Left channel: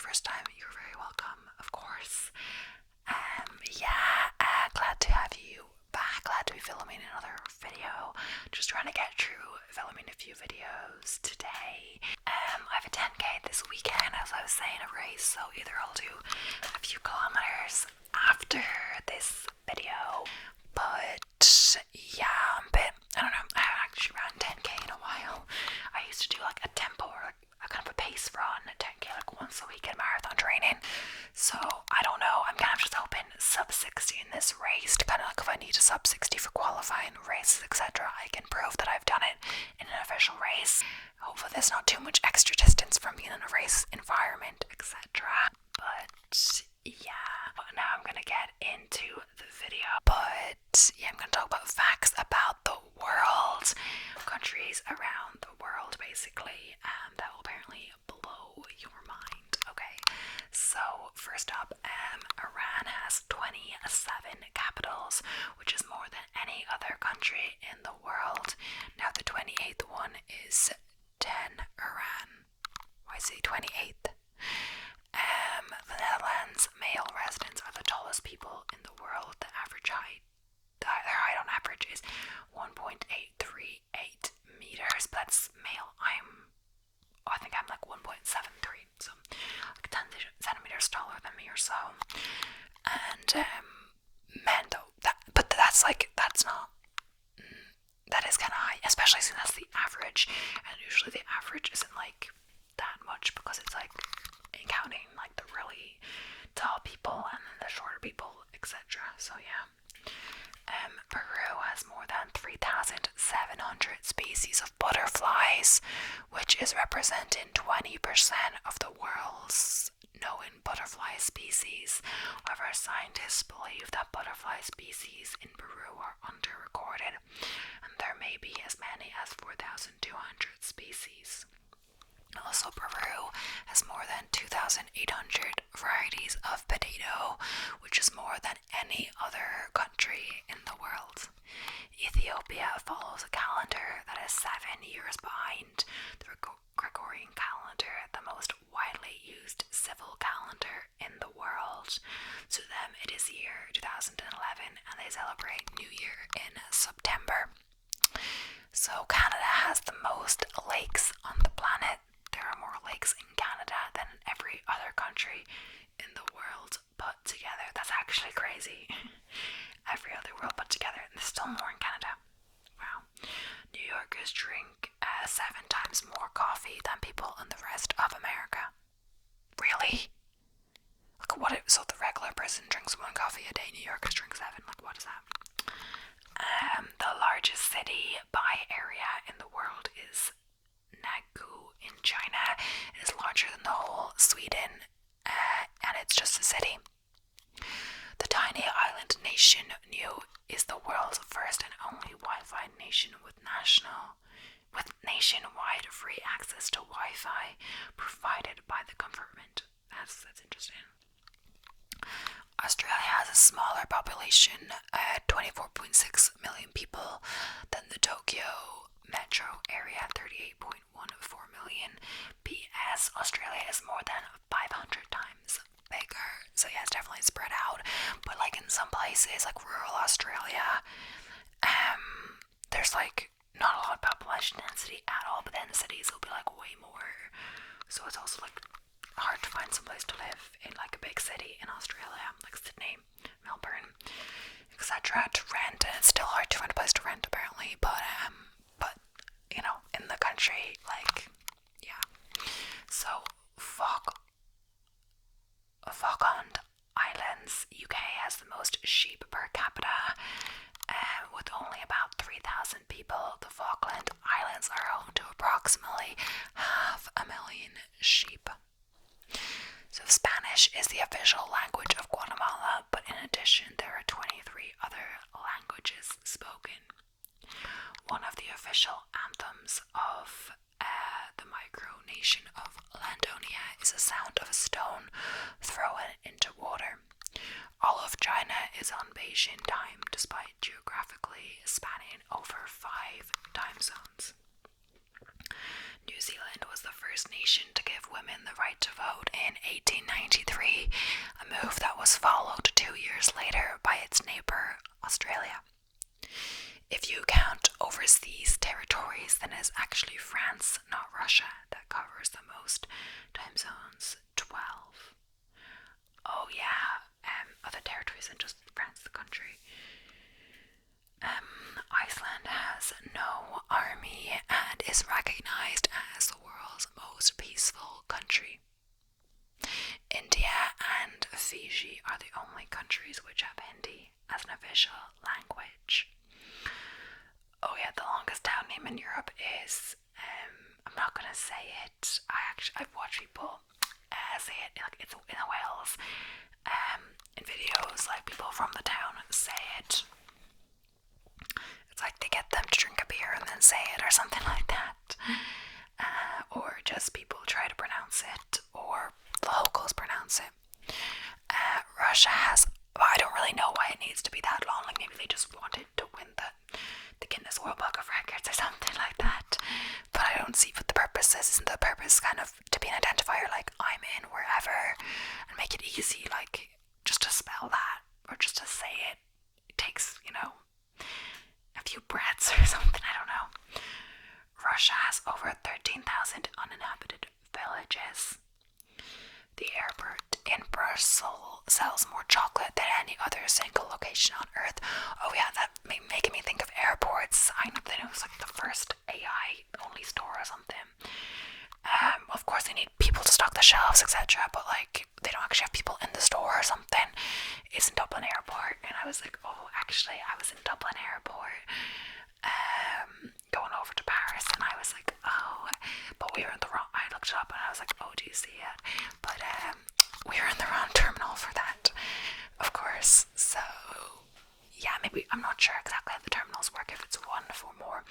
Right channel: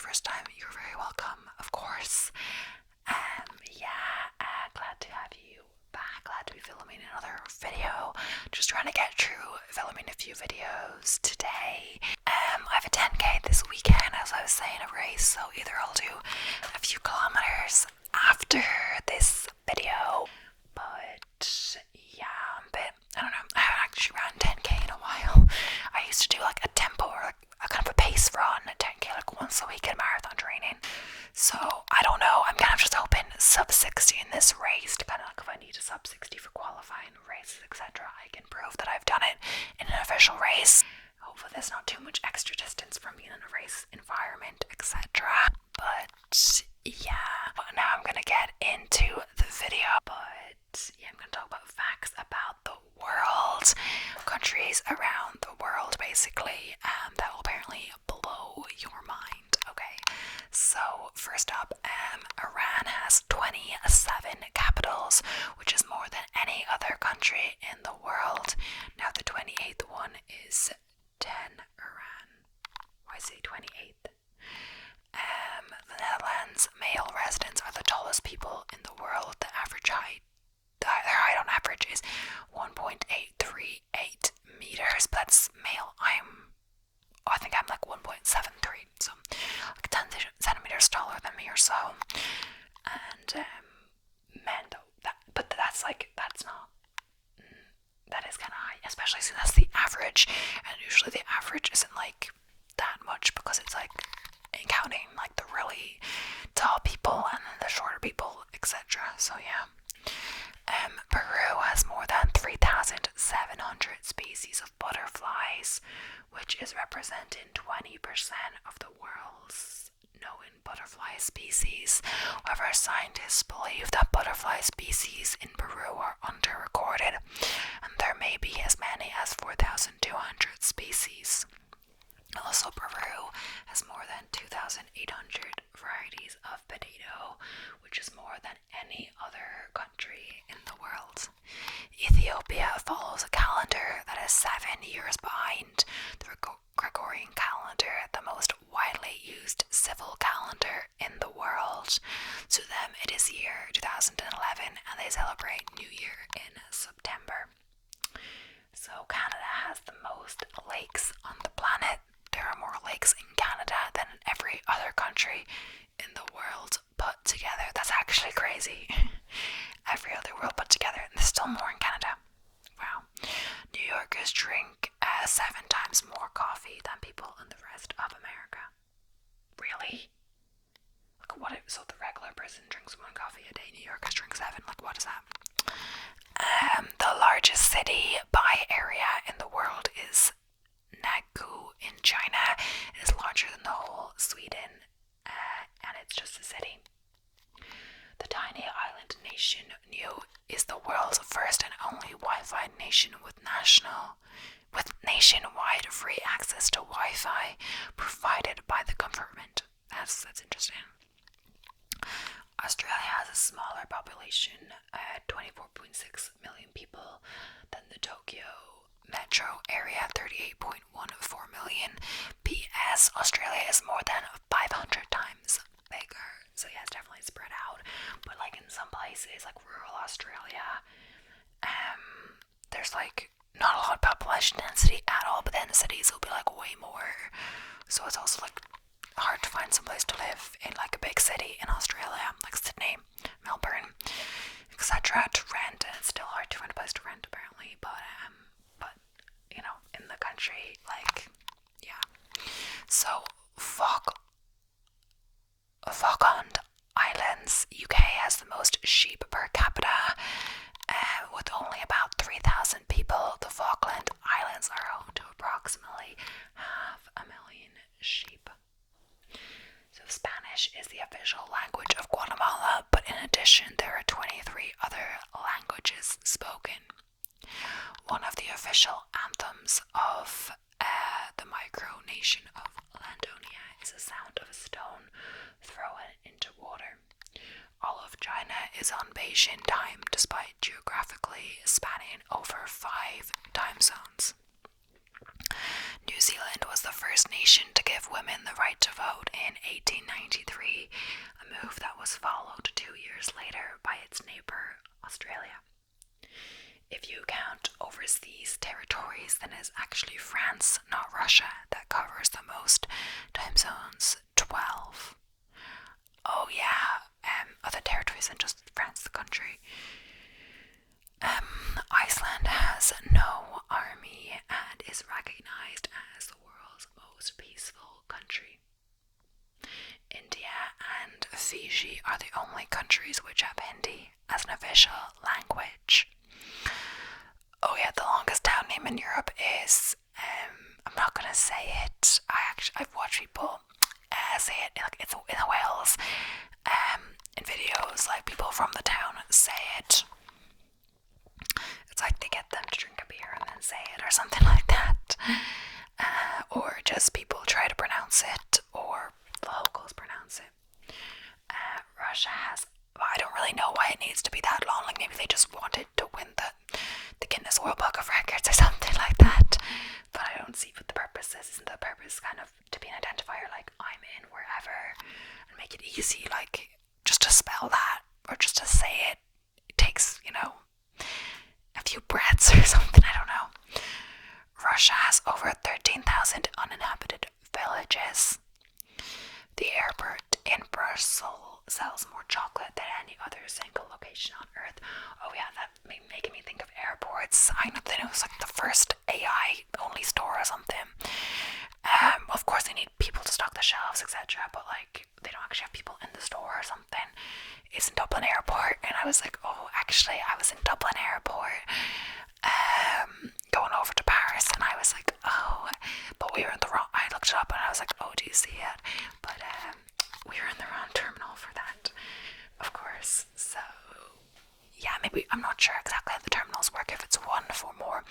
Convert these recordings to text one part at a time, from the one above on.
your first time, you're very welcome, of course. Glad to have you back. Glad to be filming another video. Just trying to get through filming a few videos today. I have a 10k this weekend, as I was saying, a race, so either I'll do a few kilometers after this video, but yeah, I don't know, I haven't actually ran 10k in a while. I used to do like a tempo or like a kind of a pace run at 10k like once a week in marathon training, so I don't know, I'm kind of just hoping sub 60 in this race to kind of like, if I need a sub 60 for qualifying races, etc., I can prove that I've done it in an official race. Hopefully there's not too much extra distance from being in a race environment, etc. But yeah, now I'm gonna get into the video. But yeah, I'm gonna talk about facts about the world, countries around the world, basically, that will apparently blow your mind. Okay, so first up, Iran has 27 capitals, which is more than any other country in the world. Now the 28th one is Tehran. Why is it 28th? The Netherlands male residents are the tallest people in the world. The average height, their height on average is 1.838 meters. But that's male. I think I'm like 1.73, so like 10 centimeters taller than me or so. And men though, that is kind of high, especially since that's the average, and usually the average isn't like that much because it's like counting like the really tall people and then the shorter people, etc. So yeah. Peru has more than 3,700 species of butterflies, which is representing 20% of the world's known butterfly species. However, scientists believe that butterfly species in Peru are underrecorded, and there may be as many as 4,200 species. Also, Peru has more than 2,800 varieties of potato, which is more than any other country in the world. Ethiopia follows a calendar that is 7 years behind the Gregorian calendar, the most widely used civil calendar in the world. To them, it is year 2011, and they celebrate New Year in September. So Canada has the most lakes on the planet. There are more lakes in Canada than in every other country in the world put together. That's actually crazy. Every other world put together, and there's still more in Canada. Wow. New Yorkers drink 7 times more coffee than people in the rest of America. Really? Like so the regular person drinks 1 coffee a day, New Yorkers drink 7. Like, what is that? The largest city by area in the world is Nagu in China. It is larger than the whole Sweden, and it's just a city. The tiny island nation Niue is the world's first and only Wi-Fi nation with nationwide free access to Wi-Fi provided by the government. That's interesting. Australia has a smaller population, 24.6 million people, than the Tokyo metro area, 38.14 million. PS, Australia is more than 500 times bigger. So yeah, it's definitely spread out. But like in some places, like rural Australia, there's like not a lot of population density at all, but then the cities will be like way more. So it's also like hard to find some place to live in like a big city in Australia, like Sydney, Melbourne, etc. to rent, and it's still hard to find a place to rent apparently, but you know, in the country, like, yeah. So Falkland Islands, UK, has the most sheep per capita, with only about 3,000 people. The Falkland Islands are home to approximately 500,000 sheep. So Spanish is the official language of Guatemala, but in addition there are 23 other languages spoken. One of the official anthems of the micronation of Landonia is the sound of a stone thrown into water. All of China is on Beijing time, despite geographically spanning over 5 time zones. New Zealand was the first nation to give women the right to vote in 18 Russia that covers the most time zones, 12. Oh yeah, other territories than just France, the country. Iceland has no army and is recognized as the world's most peaceful country. India and Fiji are the only countries which have Hindi as an official language. Oh yeah, the longest town name in Europe is, I'm not gonna say it. I've watched people say it, like it's in Wales. In videos, like people from the town say it. It's like they get them to drink a beer and then say it or something like that. Or just people try to pronounce it, or the locals pronounce it. Russia has, well, I don't really know why it needs to be that long. Like maybe they just wanted to win the Guinness World Book of Records or something like that. But I don't see what the purpose is. Isn't the purpose kind of to be an identifier, like I'm in wherever, and make it easy, like just to spell that or just to say it? It takes, a few breaths or something, I don't know. Russia has over 13,000 uninhabited villages. The airport in Brussels sells more chocolate than any other single location on Earth. Oh yeah, that making me think of airports. I know that it was like the first AI only store or something. Of course they need people to stock the shelves, etc. But like they don't actually have people in the store or something. It's in Dublin Airport, and I was like, oh, actually, I was in Dublin Airport, going over to Paris, and I was like, oh, but we were in the wrong. I looked it up, and I was like, oh, do you see it? But we were in the wrong terminal for that, of course. So yeah, maybe I'm not sure exactly how the terminals work. If it's one for more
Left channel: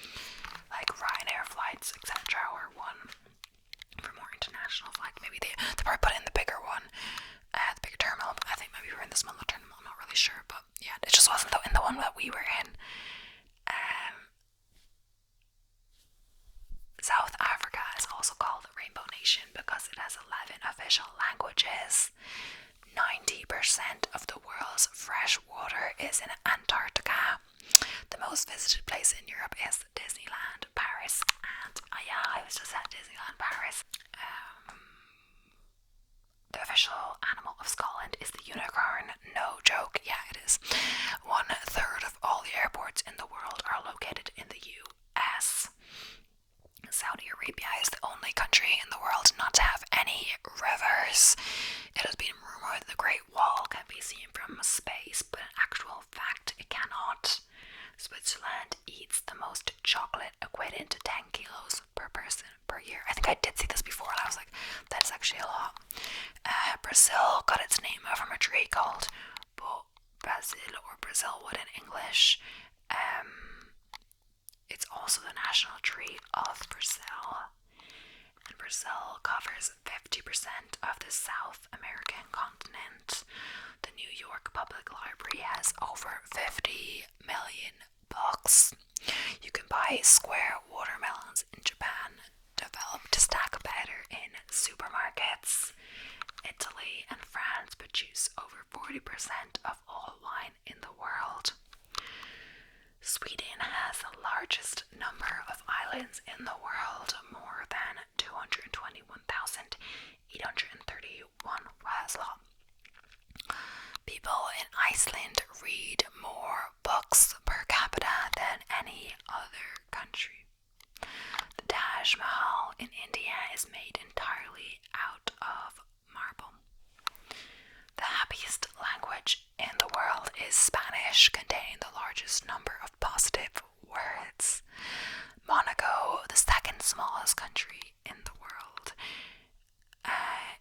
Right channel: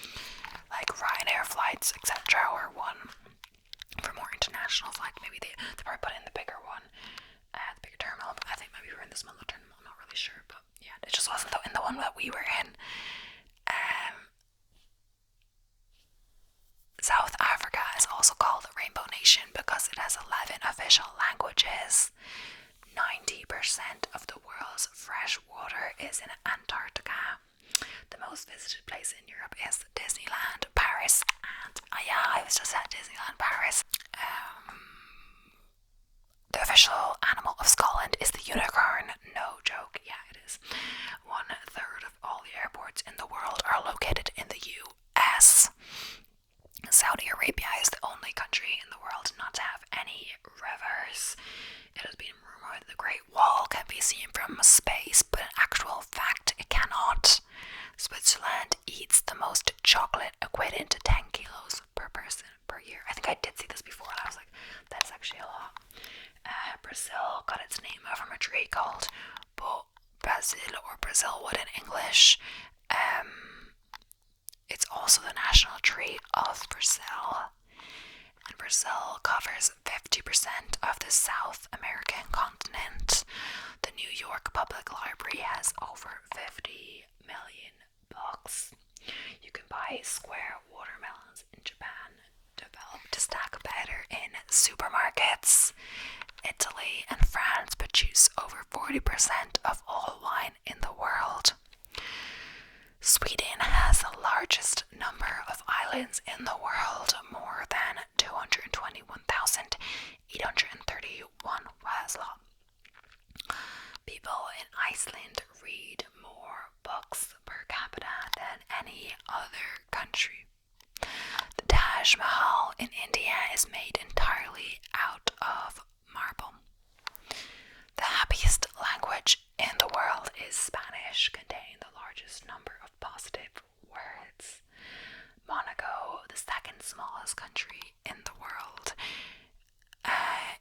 like Ryanair flights, etc., or one for more international flights. Maybe they probably put in the bigger one, the bigger terminal. But I think maybe we're in the smaller terminal. I'm not really sure, but yeah, it just wasn't in the one that we were in. South Africa is also called the Rainbow Nation because it has 11 official languages. 90% of the world's fresh water is in Antarctica. The most visited place in Europe is Disneyland Paris, and yeah, I was just at Disneyland Paris. The official animal of Scotland is the unicorn. No joke, yeah, it is. 1/3 of all the airports in the world are located in the US. Saudi Arabia is the only country in the world not to have any rivers. It has been rumored the Great Wall can be seen from space, but in actual fact it cannot. Switzerland eats the most chocolate, equating to 10 kilos per person per year. I think I did see this before, and I was like, that's actually a lot. Brazil got its name from a tree called Brazil, or Brazilwood in English. It's also the national tree of Brazil. And Brazil covers 50% of the South American continent. The New York Public Library has over 50 million books. You can buy square watermelons in Japan, developed to stack better in supermarkets. Italy and France produce over 40% of all wine in the world. Sweden has the largest number of islands in the world, more than 221,831. Wow, that's a lot. People in Iceland read more books per capita than any other country. The Taj Mahal in India is made entirely out of marble. The happiest language in the world is Spanish, containing the largest number of positive words. Monaco, the second smallest country in the world,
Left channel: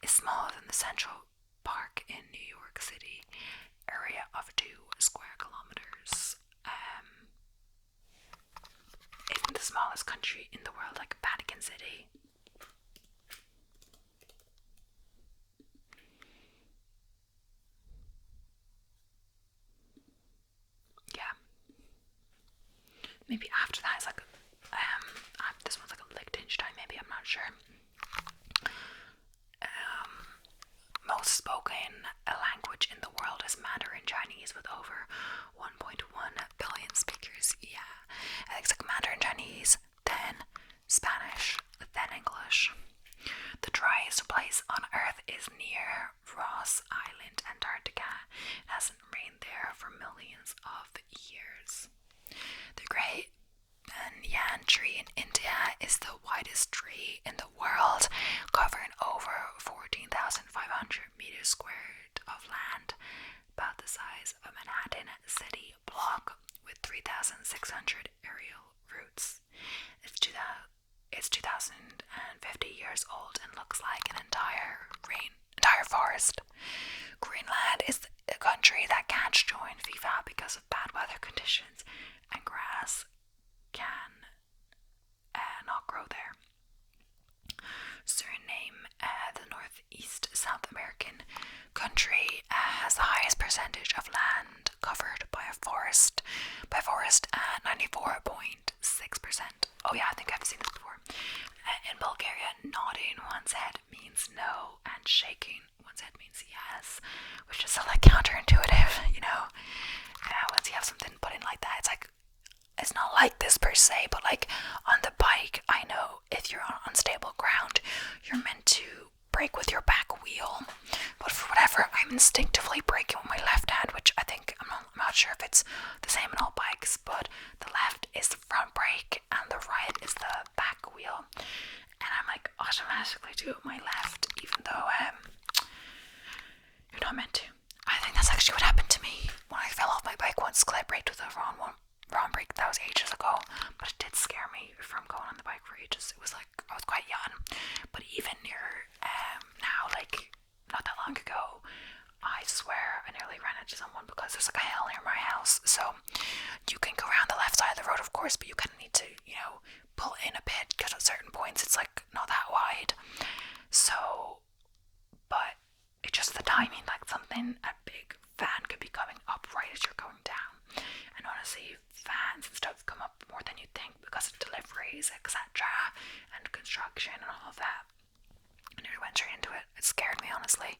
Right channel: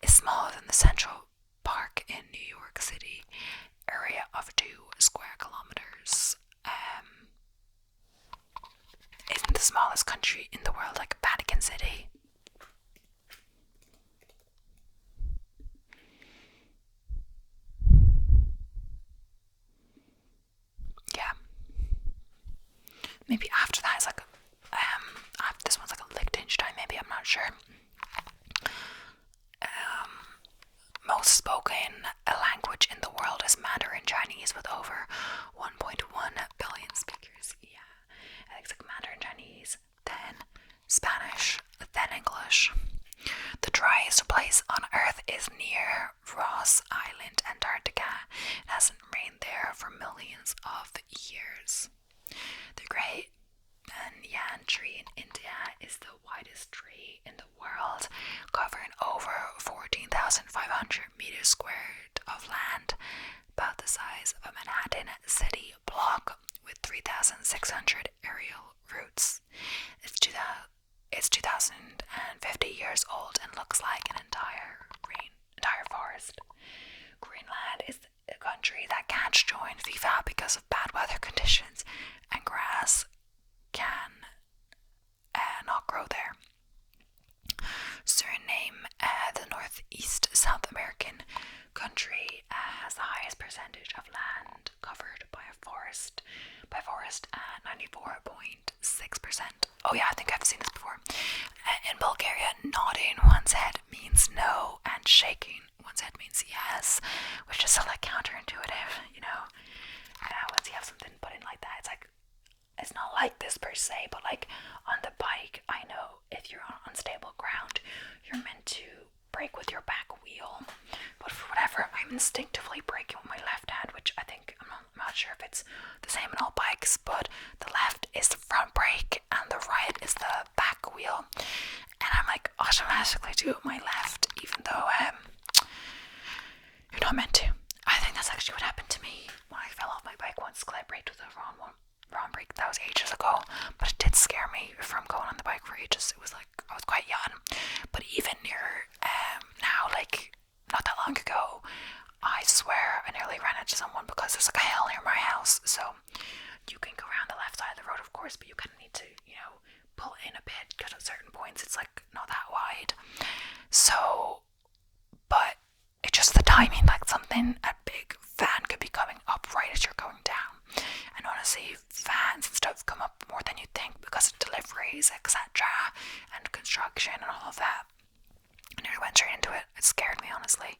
is smaller than the Central Park in New York City, area of 2 square kilometers. Isn't the smallest country in the world like Vatican City? Yeah. Maybe after that is like this one's like a Liechtenstein, maybe, I'm not sure. Most spoken language in the world is Mandarin Chinese with over 1.1 billion speakers. Yeah, I think it's like Mandarin Chinese, then Spanish, then in English. The driest place on Earth is near Ross Island, Antarctica. It hasn't rained there for millions of years. The Great Banyan tree in India is the widest tree in the world, covering over 14,500 meters squared of land, about the size of a Manhattan city block, with 3,600 aerial roots. It's 2,050 years old and looks like an entire forest. Greenland is a country that can't join FIFA because of bad weather conditions, and grass can not grow there. Suriname, the northeast South American country, has the highest percentage of land covered by forest at 94.6%. Oh yeah, I think I've seen this before. In Bulgaria, nodding one's head means no, and shaking one's head means yes, which is so like counterintuitive, you know. Once you have something put in like that, it's not like this per se, but like on the bike, I know if you're on unstable ground, you're meant to brake with your back wheel, but for whatever, I'm instinctively braking with my left hand, which I think, I'm not sure if it's the same in all bikes, but the left is the front brake and the right is the back wheel, and I'm like automatically do it with my left, even though you're not meant to. I think that's actually what happened to me when I fell off my bike once, because I braked with the wrong brake. That was ages ago, but it did scare me from going on the bike for ages. It was like I was quite young, but even near now, like not that long ago, I swear I nearly ran into someone because there's like a hill near my house, so you can go around the left side of the road, of course, but you kind of need to, pull in a bit because at certain points it's like not that wide. So, but it's just the timing, like something, a big van could be coming up right as you're going down. And honestly, vans and stuff come up more than you think because of deliveries, etc., and construction and all of that. I nearly went straight into it. It scared me, honestly.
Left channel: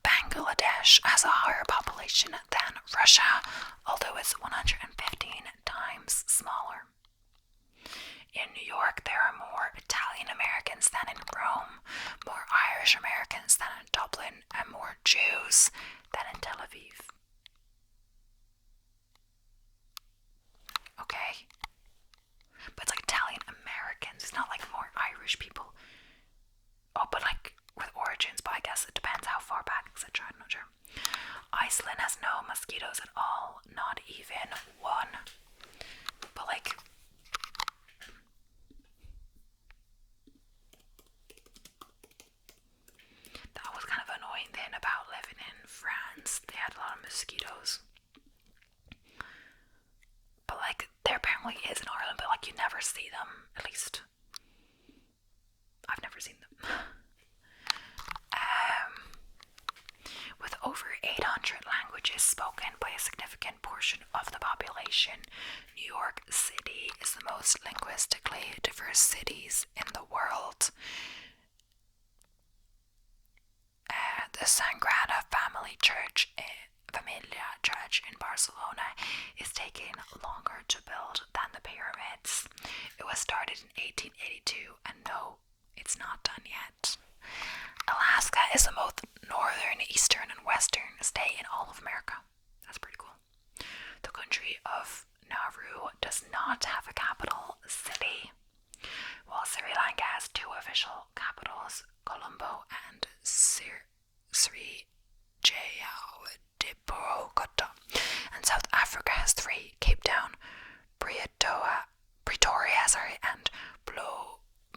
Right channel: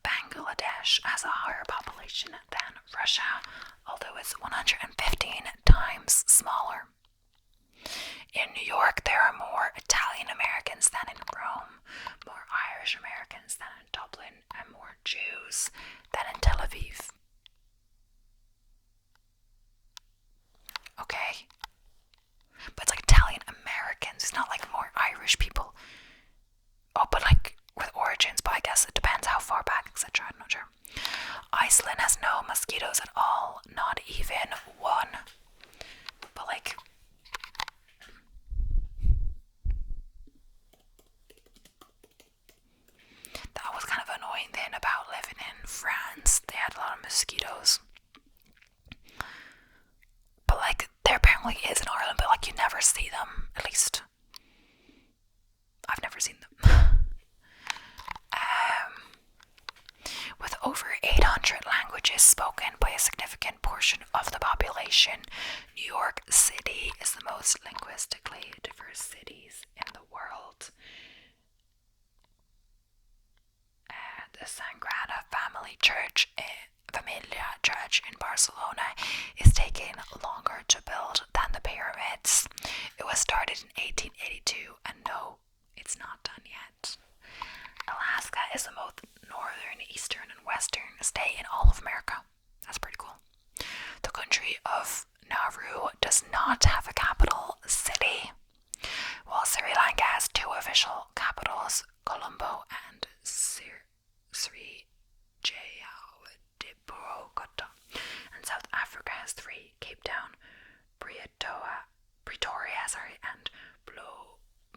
Bangladesh has a higher population than Russia, although it's 115 times smaller. In New York, there are more Italian Americans than in Rome, more Irish Americans than in Dublin, and more Jews than in Tel Aviv. Okay? But it's like Italian Americans, it's not like more Irish people. Oh, but like with origins, but I guess it depends how far back, etc. I'm not sure. Iceland has no mosquitoes at all, not even one. But like, that was kind of annoying thing about living in France. They had a lot of mosquitoes. But like, there apparently is in Ireland, but like you never see them, at least. I've never seen them. With over 800 languages spoken by a significant portion of the population, New York City is the most linguistically diverse cities in the world. The Sagrada Familia Church in Barcelona is taking longer to build than the pyramids. It was started in 1882, and no, it's not done yet. Alaska is the most northern, eastern, and western state in all of America. That's pretty cool. The country of Nauru does not have a capital city, while Sri Lanka has two official capitals, Colombo and Sri Jayawardenepura, and South Africa has three, Cape Town, Pretoria, and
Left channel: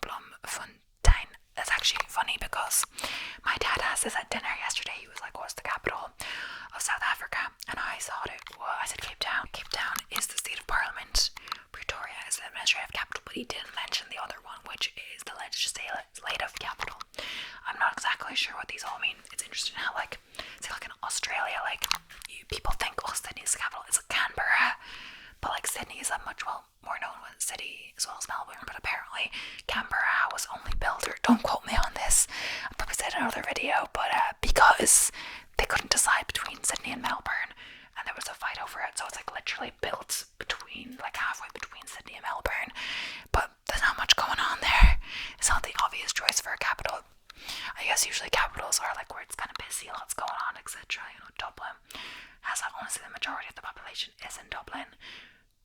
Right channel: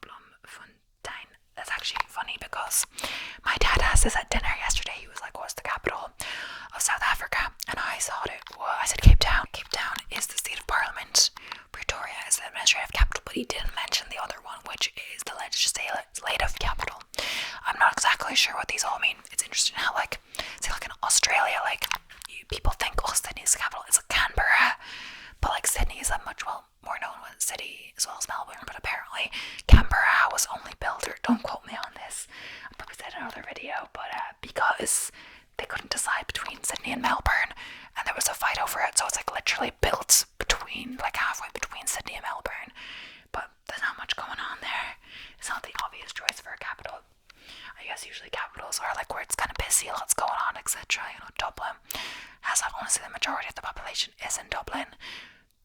Bloemfontein. That's actually funny because my dad asked this at dinner yesterday. He was like, what's the capital of South Africa? And I thought I said Cape Town. Cape Town is the seat of parliament. Pretoria is the administrative capital, but he didn't mention the other one, which is the legislative capital. I'm not exactly sure what these all mean. It's interesting how, like, say like in Australia, like, people think, oh, Sydney's the capital. It's like Canberra. But like Sydney is a much more known city as well as Melbourne, but apparently Canberra was only built, or don't quote me on this, I probably said in another video, but because they couldn't decide between Sydney and Melbourne, and there was a fight over it, so it's like literally built between, like halfway between Sydney and Melbourne, but there's not much going on there. like where it's kind of busy, lots going on, etc. You know, Dublin has, honestly, the majority of the population is in Dublin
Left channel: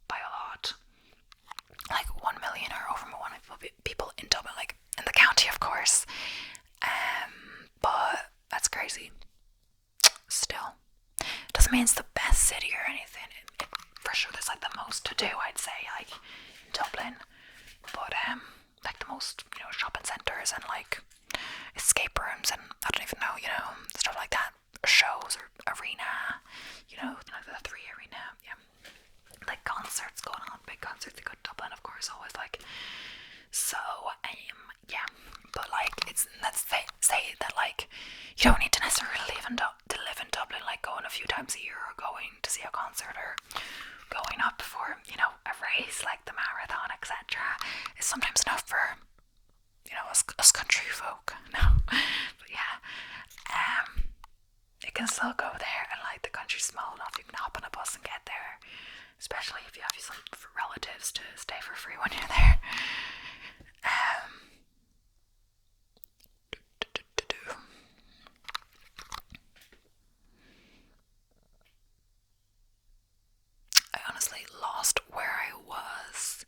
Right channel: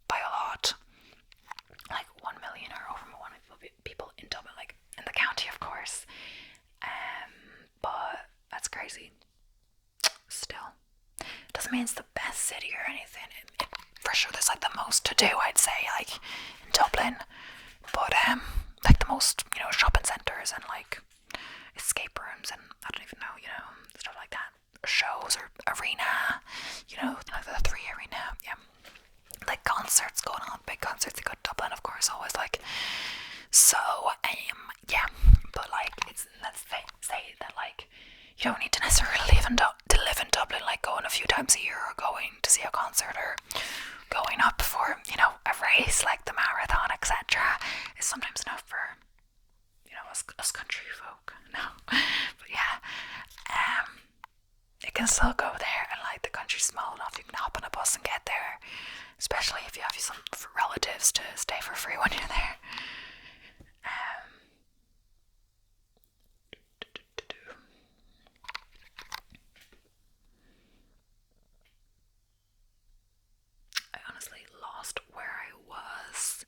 by a lot, like 1 million or over 1 million people in Dublin, like in the county, of course. But that's crazy. Still, doesn't mean it's the best city or anything. For sure, there's like the most to do, I'd say, like in Dublin. But like the most, you know, shopping centres and like escape rooms and I don't even know, you know, stuff like that. Shows or arena, you know, like the 3 Arena, yeah. Like concerts going on, big concerts. You go to Dublin, of course, always like. So, yeah. But like, let's say that like, you don't need to necessarily live in Dublin, like going a few times a year or going to see a concert or going up for, you know, a race like the marathon, etc. is sometimes enough for, you know, us country folk. No, but yeah, you can still go there, and like the country's small enough, you can hop on a bus and get there. Especially if you have some relatives to stay for free when you're there. I honestly lost where I was.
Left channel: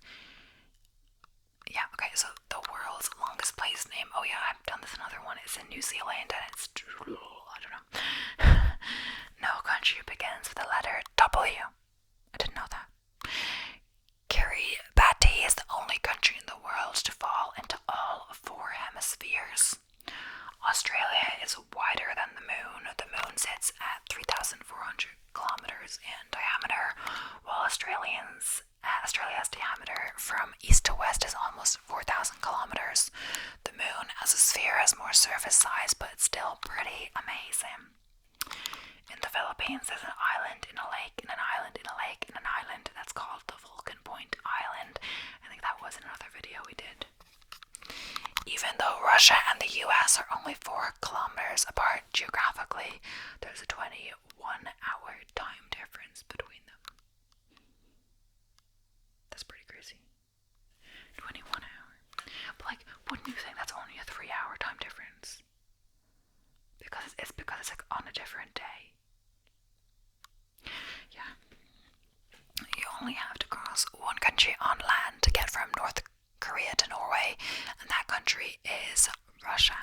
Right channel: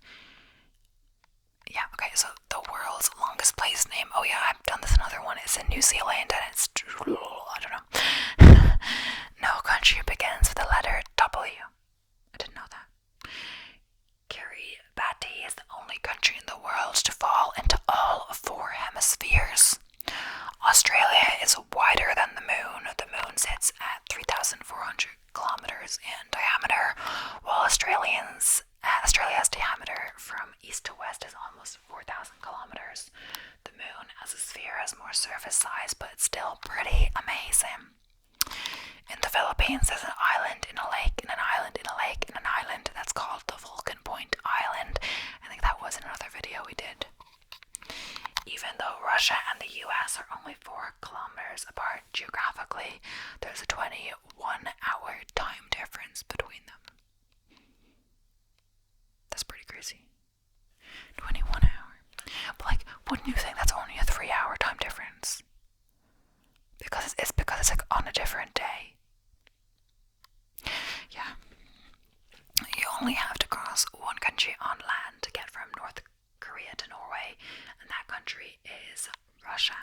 Yeah, okay, so the world's longest place name. Oh yeah, I've done this another one. It's in New Zealand and it's, I don't know. No country begins with the letter W. I didn't know that. Kiribati is the only country in the world to fall into all 4 hemispheres. Australia is wider than the moon. The moon sits at 3,400 kilometers in diameter, while Australia's diameter from east to west is almost 4,000 kilometers. The moon as a sphere has more surface size, but it's still pretty amazing. In the Philippines, there's an island in a lake, and an island in a lake, and an island that's called the Vulcan Point Island. I think that was in another video we did. Even though Russia and the US are only 4 kilometers apart geographically, there's a 21-hour time difference between them. That's pretty crazy. 21 hours. But like, wouldn't you think that's only a 3-hour time difference? Because it's like on a different day. Yeah. You only have to cross one country on land to get from North Korea to Norway, and that country is Russia.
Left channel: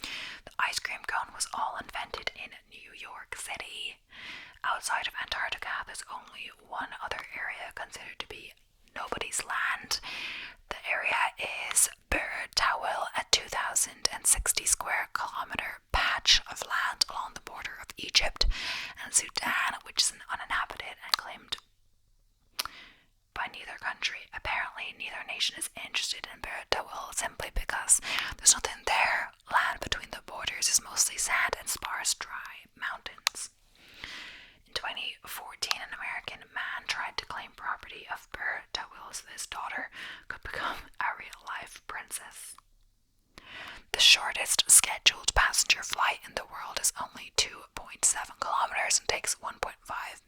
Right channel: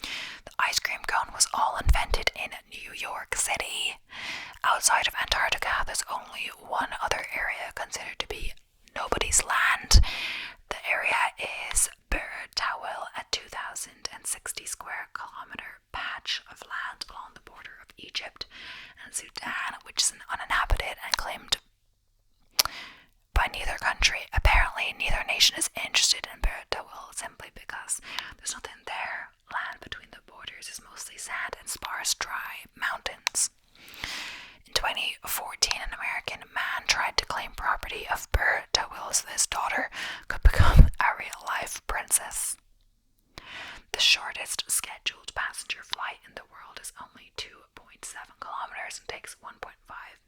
The ice cream cone was all invented in New York City. Outside of Antarctica, there's only one other area considered to be nobody's land. The area is Bir Tawil, a 2,060 square kilometer patch of land along the border of Egypt and Sudan, which is uninhabited and claimed by neither country. Apparently, neither nation is interested in Bir Tawil simply because there's nothing there. Land between the borders is mostly sand and sparse, dry mountains. In 2014, an American man tried to claim property of Bir Tawil so his daughter could become a real-life princess. The shortest scheduled passenger flight in the world is only 2.7 kilometers and takes 1.5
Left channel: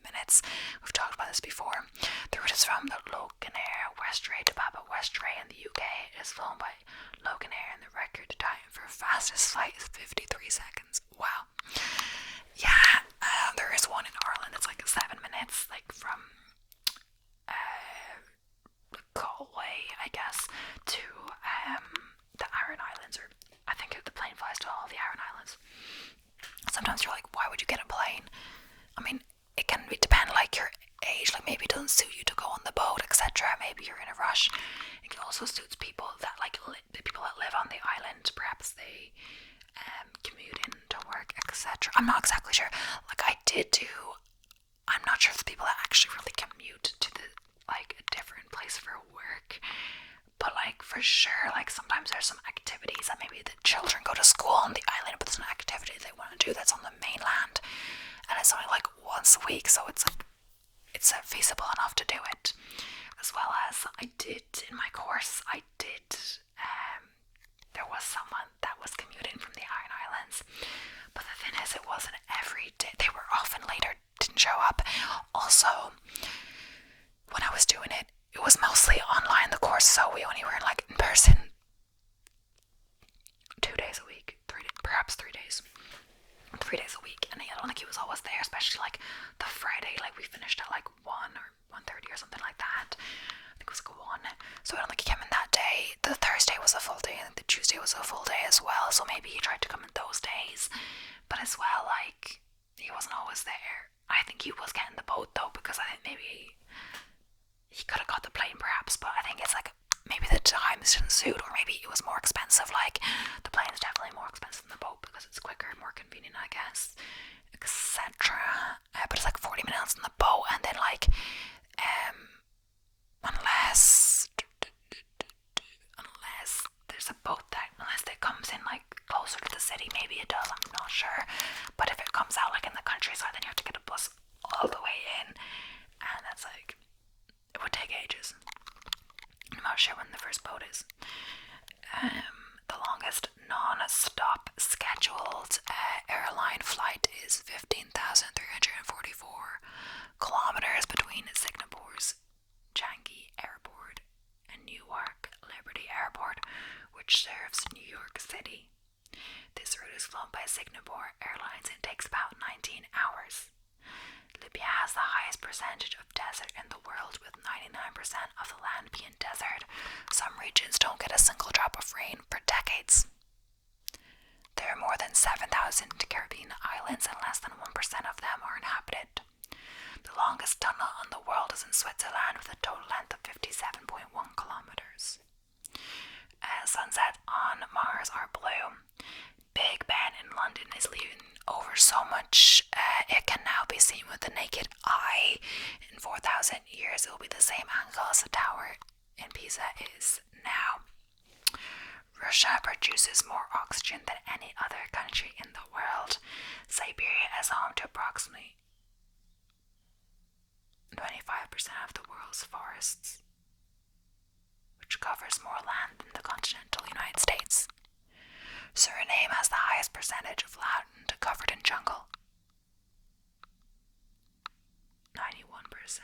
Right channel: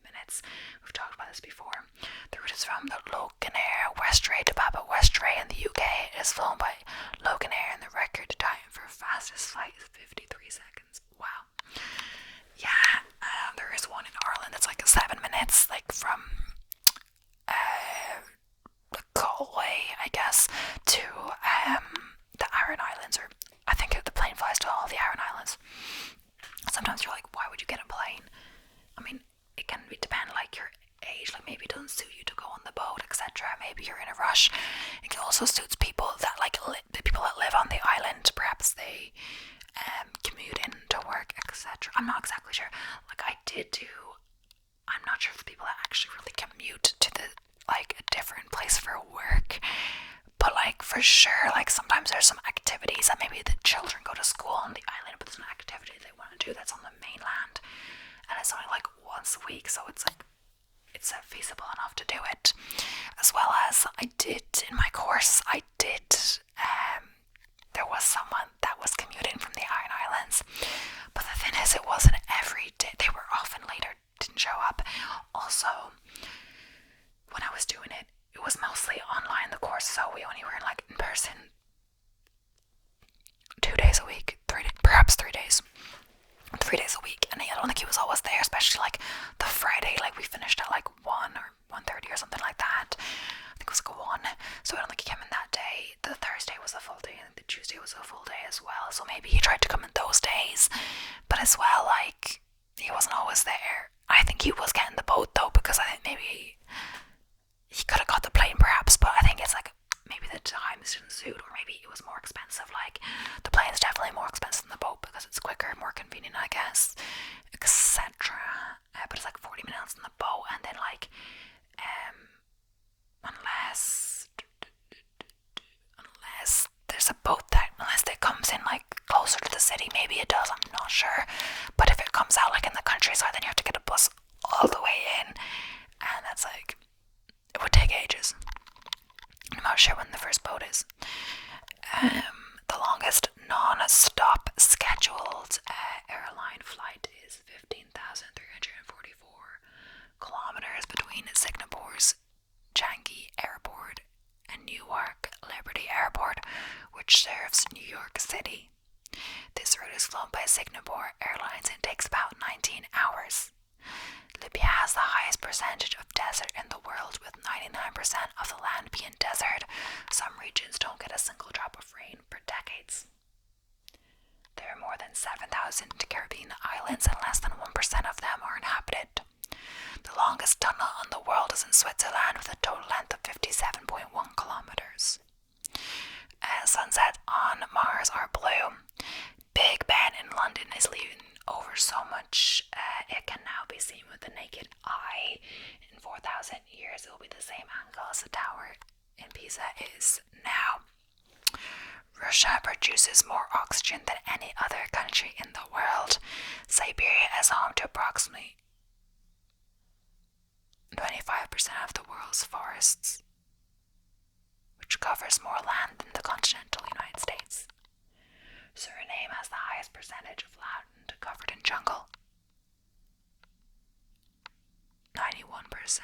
minutes. We've talked about this before. The route is from the Loganair Westray to Papa Westray in the UK. It is flown by Loganair, and the record time for fastest flight is 53 seconds. Wow. Yeah, there is one in Ireland. It's like 7 minutes, like from Galway, I guess, to the Aran Islands, or I think the plane flies to all the Aran Islands. Sometimes you're like, why would you get a plane? I mean, it can depend like your age, like maybe it doesn't suit you to go on the boat, etc. Maybe you're in a rush. It also suits people that like the people that live on the island. Perhaps they commute in to work, etc. I'm not exactly sure. Like I'm not sure if the people that actually really commute to the like a different place for work. But like for sure, like sometimes there's some activities that maybe the children go to school on the island, but there's an activity they want to do that's on the mainland, and it's only like once a week, so it's like it's feasible enough to do it. As well as I did in my course, there was someone that was commuting from the Iron Islands, but the thing is, it wasn't every day. They were often later, didn't show up. Also, when I was doing it, it was mostly online, the course, so we only were like in person 2 days a week, perhaps 3 days. 3 days a week, and I don't think he was always there, especially like the Friday, like we finished at like 1 or 1:30 or something like that. I think it was like 1. So I don't think he came in that day. The Thursday was a full day, and the Tuesday was a full day as well. So maybe he tried to come in those days, but as well, like he wasn't always there. I think he was getting the boat though, because I think maybe he could have got the plane perhaps, but I think it's like maybe the times didn't suit, or maybe it was more expensive. Like the plane is definitely more expensive than the boat because it's quicker and more convenient, I guess, etc. But it's like 40 minutes in the boat, and then like unless there's a boat that unless it comes in like closer to the city, maybe it does, I'm not sure. But if it comes out like in the countryside, then you have to get a bus all the way in, and that's like, it would take ages. I'm not sure when the first boat is. The longest non-stop scheduled airline flight is 15,344 kilometers between Singapore's Changi Airport and Newark Liberty Airport, which serves New York City. This route is flown by Singapore Airlines and takes about 19 hours. Libya has the highest percentage of desert in the world, with 99% of the land being desert. Some regions don't get a single drop of rain for decades. There are more than 7,000 Caribbean islands, and less than 1% of them are inhabited. The longest tunnel in the world is in Switzerland, with a total length of 57.1 kilometers. Sunsets on Mars are blue. Big Ben in London is leaving over so much it can now be seen with the naked eye. In 4,000 years it will be the same angle as the tower in Pisa is now. Russia produces more oxygen than any other country in the world. Siberia is home to approximately 25% of the world's forests, which covers more land than the continental United States. Suriname has the highest percentage of land covered in jungle, 91%.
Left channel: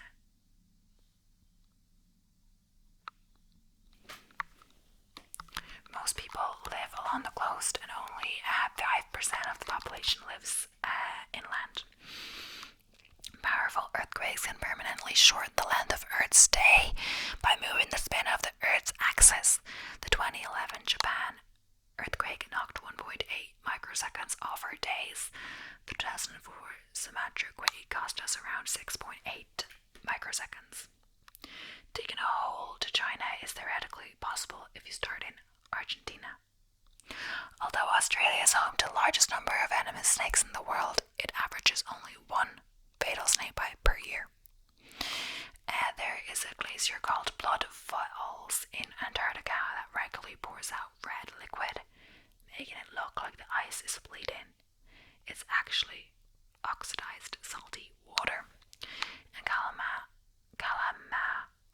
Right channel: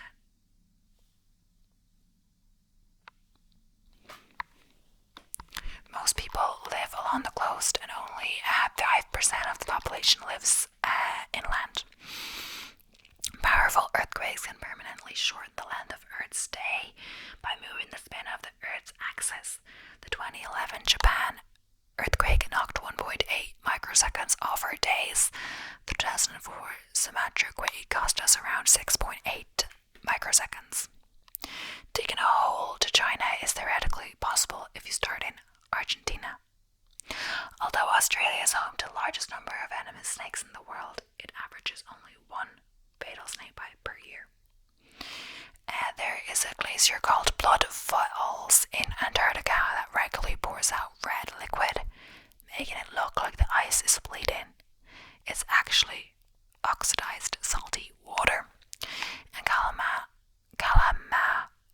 Most people live along the coast, and only 5% of the population lives inland. Powerful earthquakes can permanently shorten the length of Earth's day by moving the spin of the Earth's axis. The 2011 Japan earthquake knocked 1.8 microseconds off our days. The 2004 Sumatra quake cost us around 6.8 microseconds. Digging a hole to China is theoretically possible if you start in Argentina. Although Australia is home to the largest number of venomous snakes in the world, it averages only one fatal snake bite per year. There is a glacier called Blood Falls in Antarctica that regularly pours out red liquid, making it look like the ice is bleeding. It's actually oxidized salty water. In Kalama,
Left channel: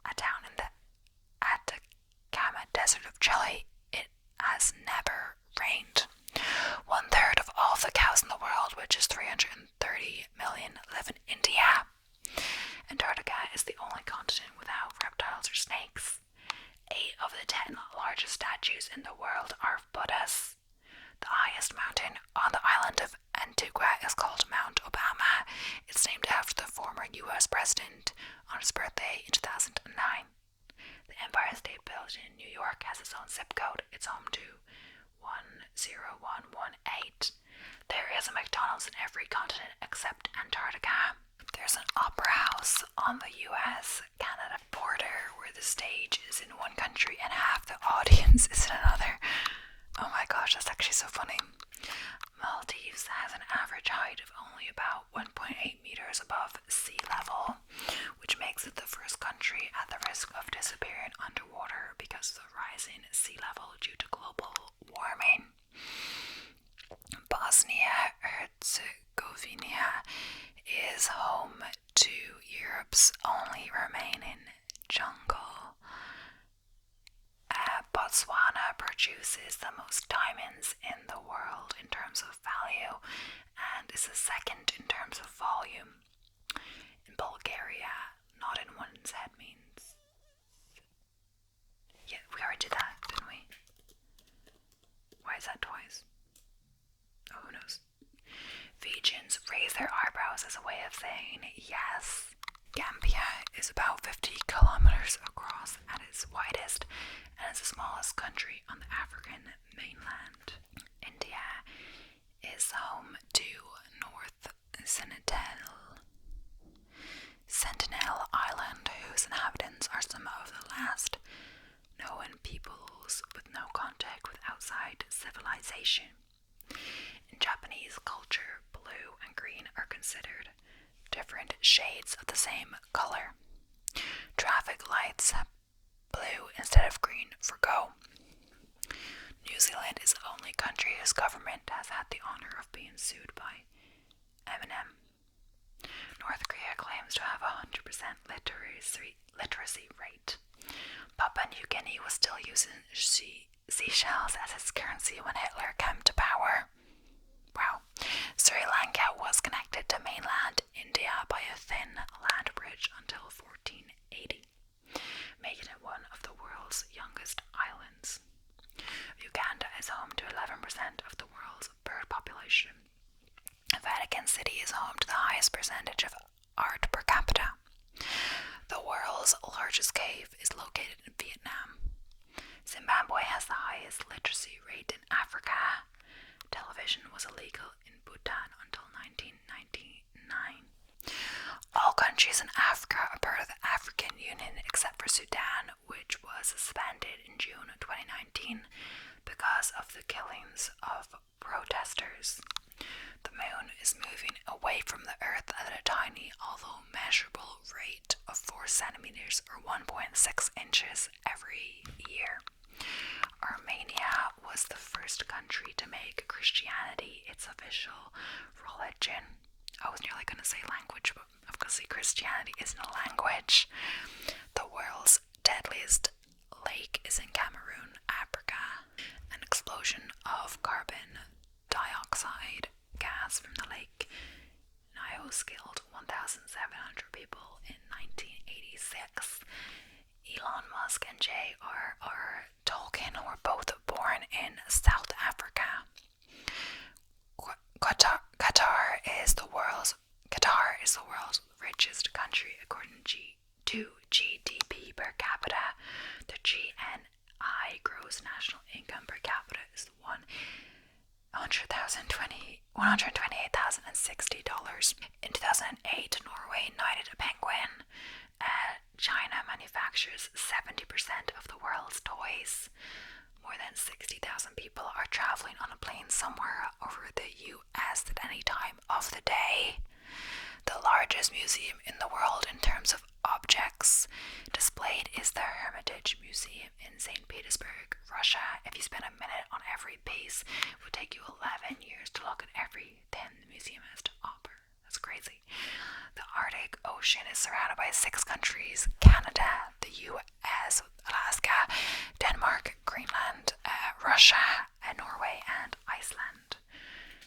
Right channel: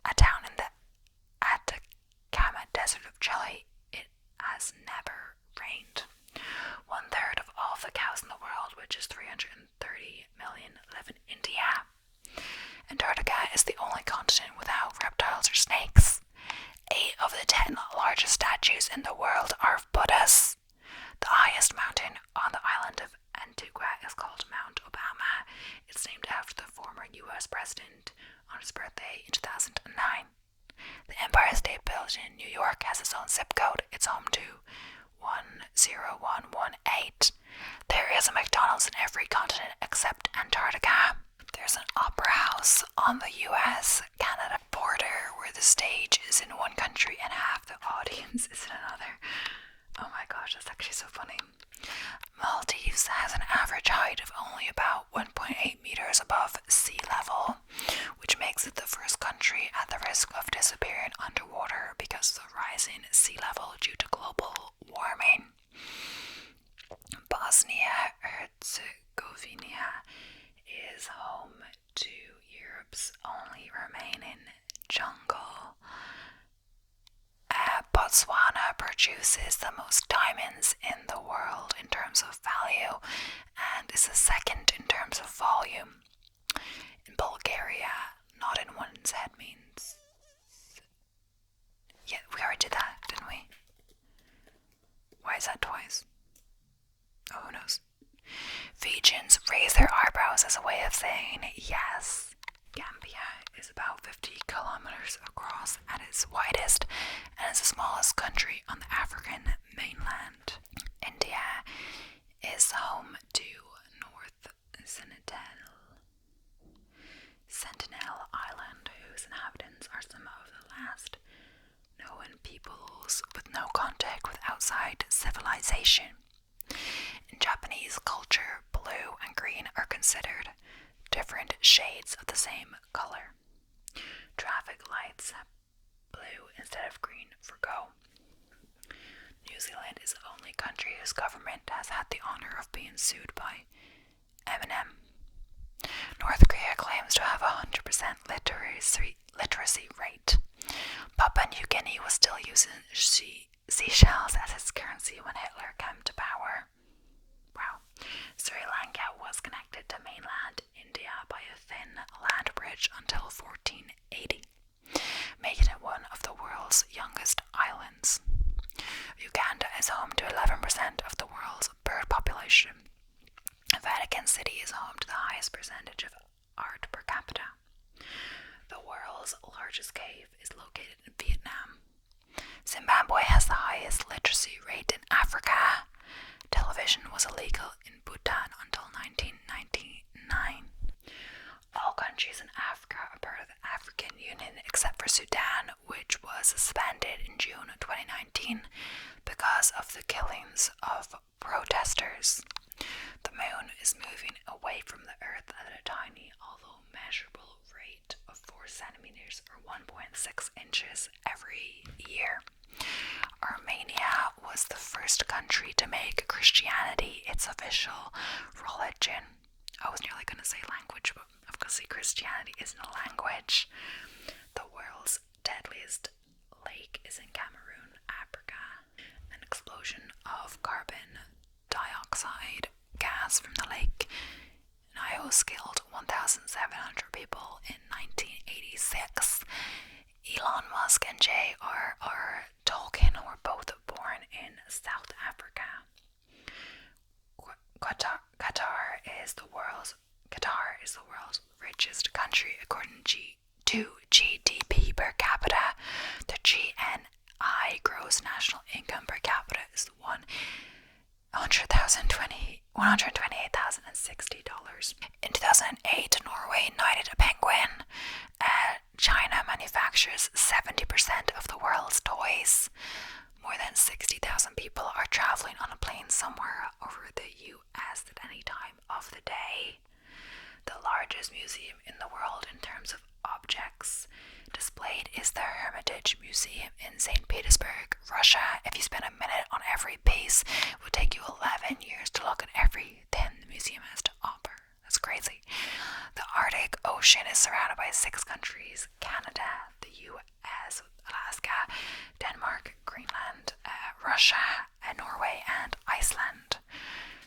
a town in the Atacama Desert of Chile, it has never rained. 1/3 of all the cows in the world, which is 330 million, live in India. Antarctica is the only continent without reptiles or snakes. 8 of the 10 largest statues in the world are of Buddhas. The highest mountain on the island of Antigua is called Mount Obama. It's named after the former U.S. president on his birthday in 2009. The Empire State Building in New York has its own zip code. It's home to 10118. There is a McDonald's in every continent except Antarctica. There's an opera house on the US-Canada border where the stage is in one country and half the audience is in another. Oh my gosh, that's actually so funny. Maldives has an average height of only about 1.8 meters above sea level, which makes it the first country at the risk of disappearing underwater because of the rising sea level due to global warming. Bosnia-Herzegovina is home to Europe's only remaining jungle. Botswana produces the most diamonds in the world in terms of value and is the second in terms of volume. In Bulgaria, not in one's head means... Yeah, we already did that, didn't we? Why is that twice? Oh, who knows? nose as a way of saying yes. Gambia is about 50 kilometers across at its widest and is the smallest country on the African mainland. India is home to North Sentinel Island, whose inhabitants are some of the last known peoples with no contact with outside civilization. In Japanese culture, blue and green are considered different shades of the same color. Traffic lights have blue instead of green for go. New Zealand is the only country whose government has had the honor of being sued by Eminem. North Korea claims to have a 100% literacy rate. Papua New Guinea was still using seashells as its currency when Hitler came to power. Wow. Sri Lanka was connected to mainland India by a thin land bridge until 1480, making it one of the world's youngest islands. Uganda is home to 11% of the world's bird population. Vatican City is home to the highest percentage of art per capita. The world's largest cave is located in Vietnam. Zimbabwe has the highest literacy rate in Africa. Television was illegal in Bhutan until 1999. All countries in Africa are part of the African Union except for Sudan, which was suspended in June 2019 because of the killings of protesters. The moon is moving away from the Earth at a tiny, although measurable rate of 4 centimeters or 1.6 inches every year. Armenia was the first country to make Christianity its official religion. I was nearly going to say language, but obviously Christianity isn't a language. The world's deadliest lake is in Cameroon, Africa. An explosion of carbon dioxide gas from the lake Nyos killed 1,700 people in 1986. Elon Musk and J.R.R. Tolkien were both born in South Africa. Qatar is the world's richest country according to GDP per capita. The GNI, gross national income per capita, is $128,060. In 2008, Norway knighted a penguin. China manufactures 70% of the world's toys. More than 60,000 people are traveling on a plane somewhere over the US at any time of the day. The largest museum in the world in terms of objects displayed is the Hermitage Museum in St. Petersburg, Russia. If you spend a minute on every piece, it would take you 11 years to look at everything the museum has to offer. That's crazy. The Arctic Ocean is surrounded by 6 countries: Canada, the US, Alaska, Denmark, Greenland, Russia, Norway, and Iceland.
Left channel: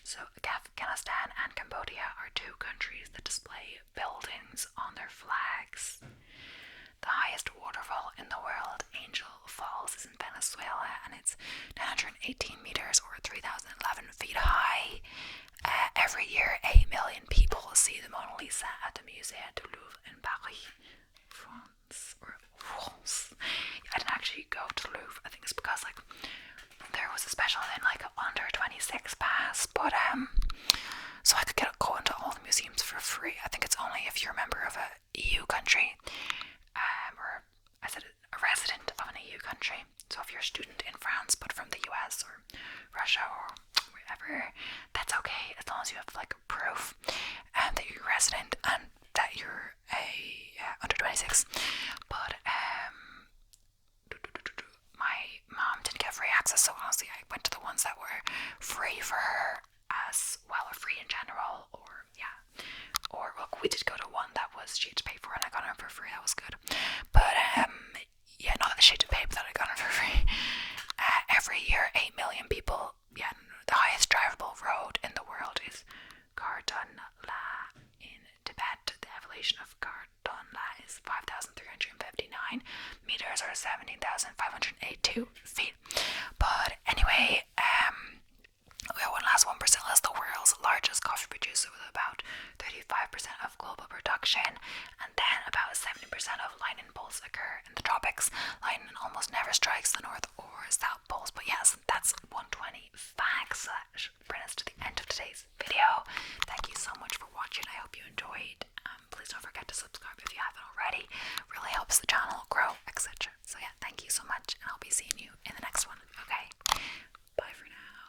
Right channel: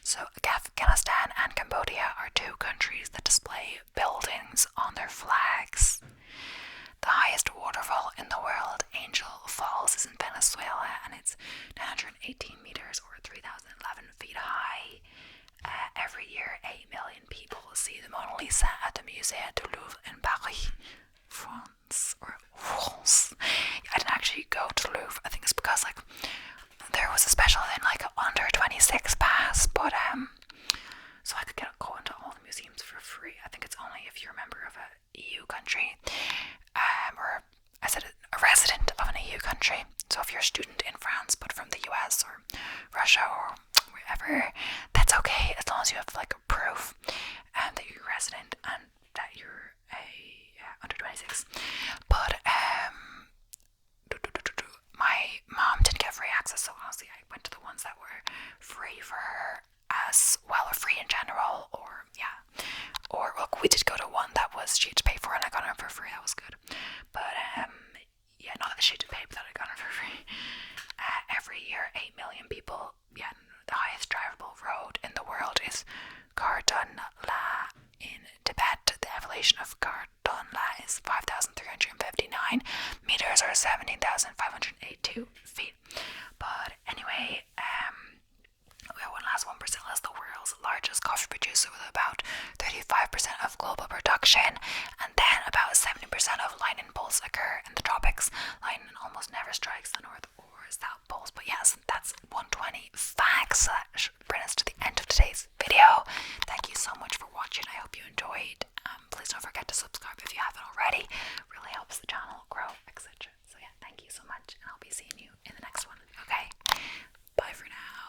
So Afghanistan and Cambodia are 2 countries that display buildings on their flags. The highest waterfall in the world, Angel Falls, is in Venezuela, and it's 918 meters or 3,011 feet high. Every year, 8 million people see the Mona Lisa at the Musée du Louvre in Paris, France. I didn't actually go to the Louvre. I think it's because there was a special thing, an under 26 pass, but so I could go into all the museums for free. I think it's only if you're a member of a EU country, or I said a resident of an EU country. So if you're a student in France but from the US or Russia or wherever, that's okay as long as you have proof that you're a resident and that you're under 26. But my mom didn't get free access, so honestly I went to the ones that were free for her as well, or free in general, or we did go to one that was she had to pay for and I got it for free. That was good. But not that she had to pay, but that I got it for free. Every year 8 million people, the highest drivable road in the world is Kardun La in Tibet. The elevation of Kardun La is 5,359 meters or 17,582 feet. But anyway, we have one last one. Brazil is the world's largest coffee producer with about 35% of global production, and then about 70% of lightning bolts occur in the tropics. Lightning almost never strikes the north or south poles. But yes, that's 120 facts. That should bring us to the end of today's video. Thank you so much for watching. I hope you enjoyed. Please don't forget to subscribe if you haven't already. It really helps the channel grow, etc. So yeah, thank you so much, and I'll be seeing you in the next one. Okay, bye for now.